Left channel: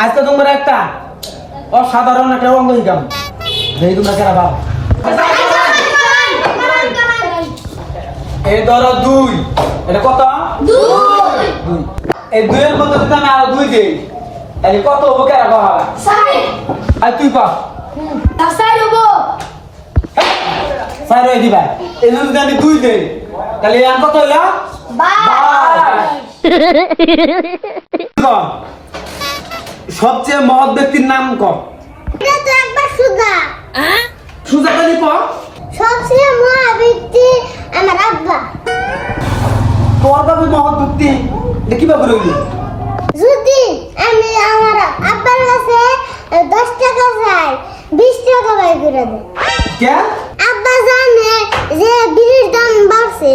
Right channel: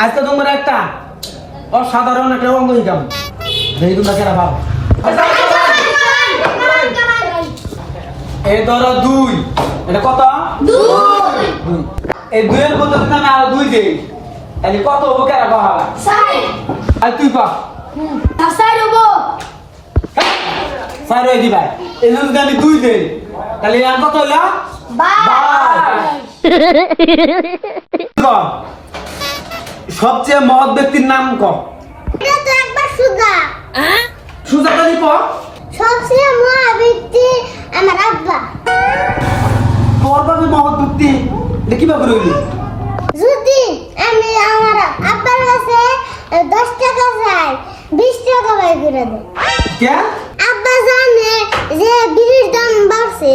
আজকে তোমার একটা অসাধারণ একটা অঙ্গ হিকাম দেখি তোমরা কেনা ভাব এই ধরো 2 এটা কত 2 এই 2 এর বদলে আমি আরো 2 দেই তাহলে কত হবে কেনা ভাব 6 আর তুই কত তা 6 হবো 6 হয়ে দিবা এই যদি আমি 2 দেই তাহলে আর কত হলো 22 সবচেয়ে মহৎ ব্যক্তির নাম কর এটা তো একবার সুদা সুজা কালি কর সবচেয়ে মহৎ ব্যক্তি আমার আব্বা তোর বাবা মহৎ ব্যক্তি এটা কিভাবে রইলি যদি আমি আমার আব্বার কাছে 10 টাকা চাই 20 টাকা বাই করে দে কে আব্বা জানে যে বিড়ির দাম বাড়ছে